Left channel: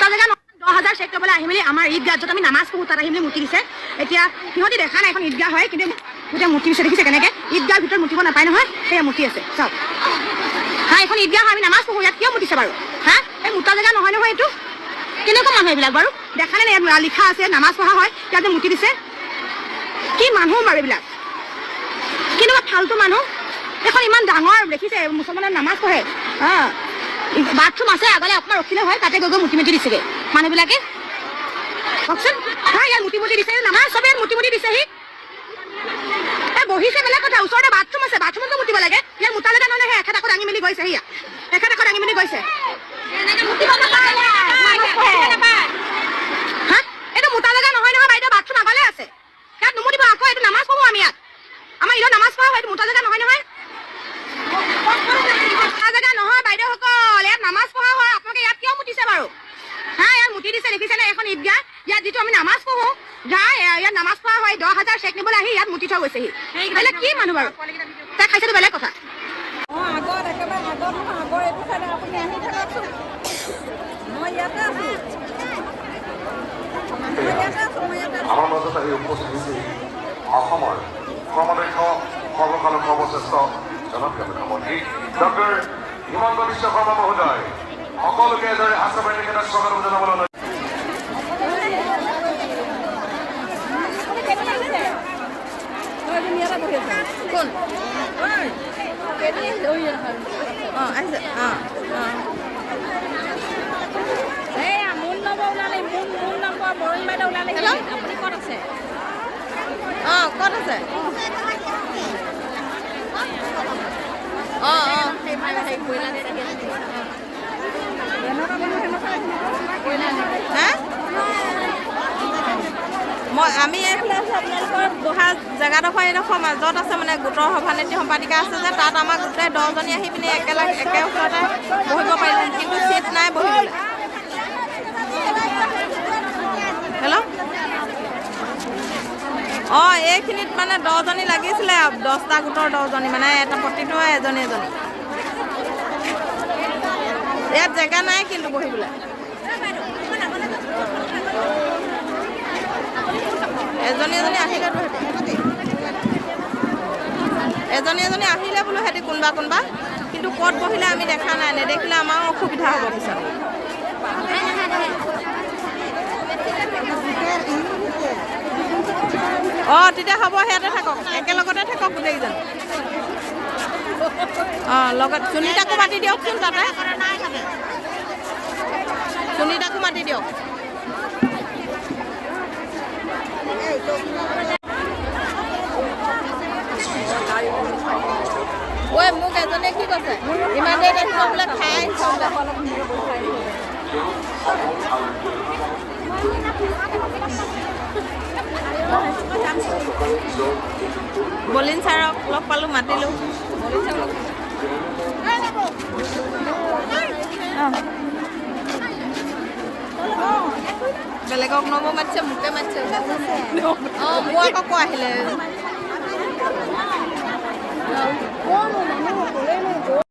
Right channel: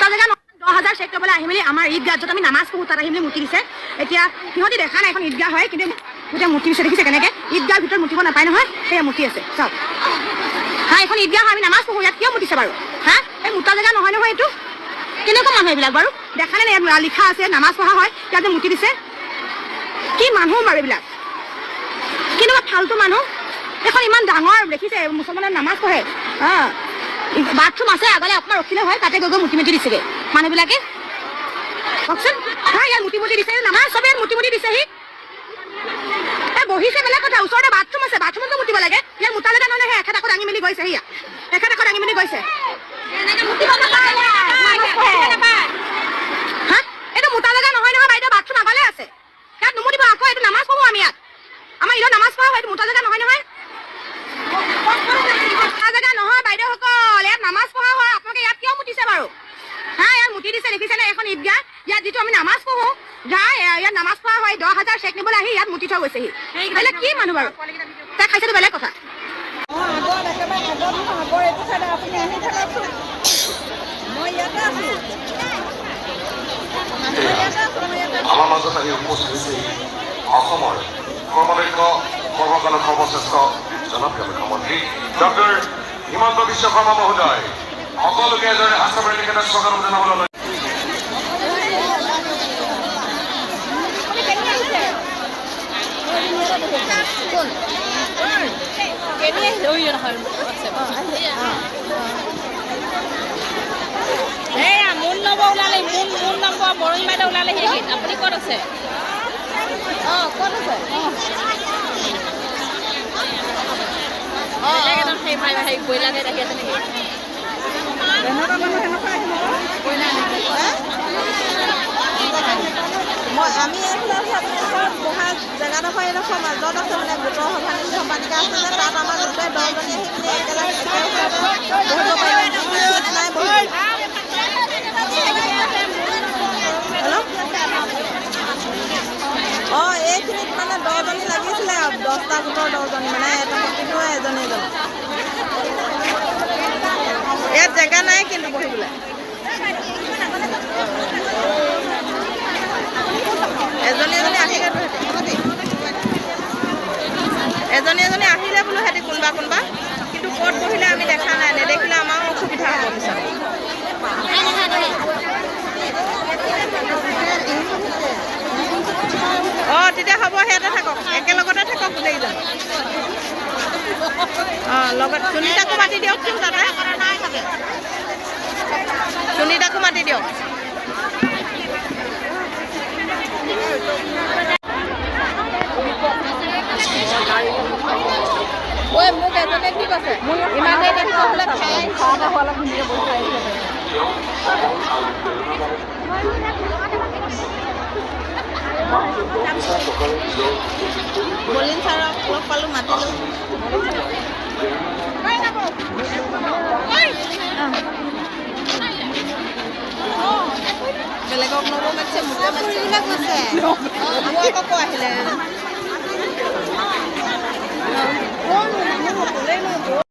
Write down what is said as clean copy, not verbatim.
মুতা জেগা 10,000 চেক কৰিবলৈ আহি মেলি আমাৰ ঈদগাহ য'ত আমি নামাজ পঢ়ো তাত আহি মেলি মুতি দিছে। এতিয়া সিহঁতি দেখা নাই এখন ঈদগাহ হয়, কিন্তু গোটেই মুতি দিছে। দেখিছে কেনেকৈ ঈদগাহৰ ভিতৰত মুতিব নাপায় নহয়, সেয়া মুতি আছে চাওক। হা এখন ঈদগাহ আমি নামাজ পঢ়ো, ইয়াত কিয় মুতিছে বাৰু? হা এই মুতা জেগা নহয় নহয় এইটো। কেনেকুৱা মানুহ এইবিলাক বাৰু? দেখা নাই ইয়াত লিখা আছে নামাজ পঢ়া হয়, ইয়াতে মুতি দিছে। কি মানুহ বাৰু এইবিলাক? কেনেকুৱা ফাল্টু মানুহ। এখন ইমান ডাঙৰ দেখিছে মুছলমানে নামাজ পঢ়ে, বাথৰুম আছে আগলে অকণমান ৰখিলে হয়, তাতে গৈ গৈ মুতি মুতি দিছেগৈ মানুহবিলাকে। কওকচোন হা ইয়াত মুতি মুতি দিছে, নামাজ চবে মুতি মুতি দিছেহি। বহিছে বেলেগ কথা, ওচৰতে বাথৰুম আছে, বাথৰুমতো মুতিব লাগে। ইয়াত মুতা জেগা নহ'লে সেই এখেত আকৌ দাঙি মেলি গৈছে, সেয়া এখেত আকৌ দাঙি মেলি গৈছে। হা এইটো মুতা জেগা নহয় নহয় বাইদেউ, বাথৰুম আগলে আছে, ইয়াত নুমুতিব। আকৌ এইটো নামাজ পঢ়ো আমি, ইয়াত আমাৰ ঈদত নামাজ পঢ়া হয়, এইটো মুতা জেগা নহয় নহয়। মুতা জেগা নহয় বাইদেউসকল, ইয়াত নামাজ পঢ়া হয়। আপোনালোকে ইয়াত কিয় মুতিছে বাৰু? হা ইয়াত মুতি দিছে, দেখিছেনে এখন ঈদগাহ, ইয়াত যিটো আমি নামাজ পঢ়ো ইয়াত নামাজ পঢ়া হয়। 10,000 চেক নিবলৈ আহি ইয়াত মুতি থৈ গৈছেহি। বেলেগ কি মানুহ বাৰু? তাই খাইছেতো বেলেগ কথা। আমাৰ মাজত আহি উপস্থিত অসমৰ ক্ৰমনিৰ্ভ সৰ্বকালৰ সৰ্বশ্ৰেষ্ঠ জনপ্ৰিয় মুখ্যমন্ত্ৰী ডক্টৰ হিমন্ত বিশ্ব শৰ্মা মহোদয়। সকলোকে এদৰে আশ্ৰমেৰ নিকেতন স্বাগতম জনাবলৈ বৰণ বাইদেউ ওলালে। আপুনি ক'ত আছে? ক'ত আছে? আমি এইফালে আছোঁ, আপোনালোকৰ বহা জেগাডোখৰ এইডোখৰ মাজত আছে, মানে গোটৰ সভানেত্ৰী সম্পাদিকা আছে যে, তাত আমাৰ গোটেই 10জনী আহি পিনি একে ওচৰতে বহিব পাৰিলে, কিন্তু চিট নাই বহিবলৈ। হেল্ল' এইখিনিত মানে 10জনী লাগিছিলে, 10টা গোটৰ 10জনী, মানে এটা প্ৰতিটো এজনী এজনী। ইয়াত জেগা নাই কিন্তু বহিবলৈ। এজনী এজনী আহিলেতো সিহঁতি এজনী আহিলে বোলো সিহঁতি কোনোবা, কিন্তু ক'ত বহিলে আমি দেখা নাই। নেদেখিলে আমাৰো অসুবিধা হ'ব পিছত। তেতিয়া হ'ব, সিহঁতে থাকক, একেলগতে থাকক গোটেইকেইজন। লগত সুনীতাকো মাতি দিয়কচোন, তাতে সুনীতাকো মাতি দিয়ক। মোক এজনে কি কৈছে, ইমান দেৰি আহিছ বোলে, খাই আহিছ বোলে। বলিন ছাৰক লগ পালোঁ, মাতিলোঁ। বেলেগক নব মাতিছে, মোকে মাতিছে। মোৰ আকৌ ক আহিলে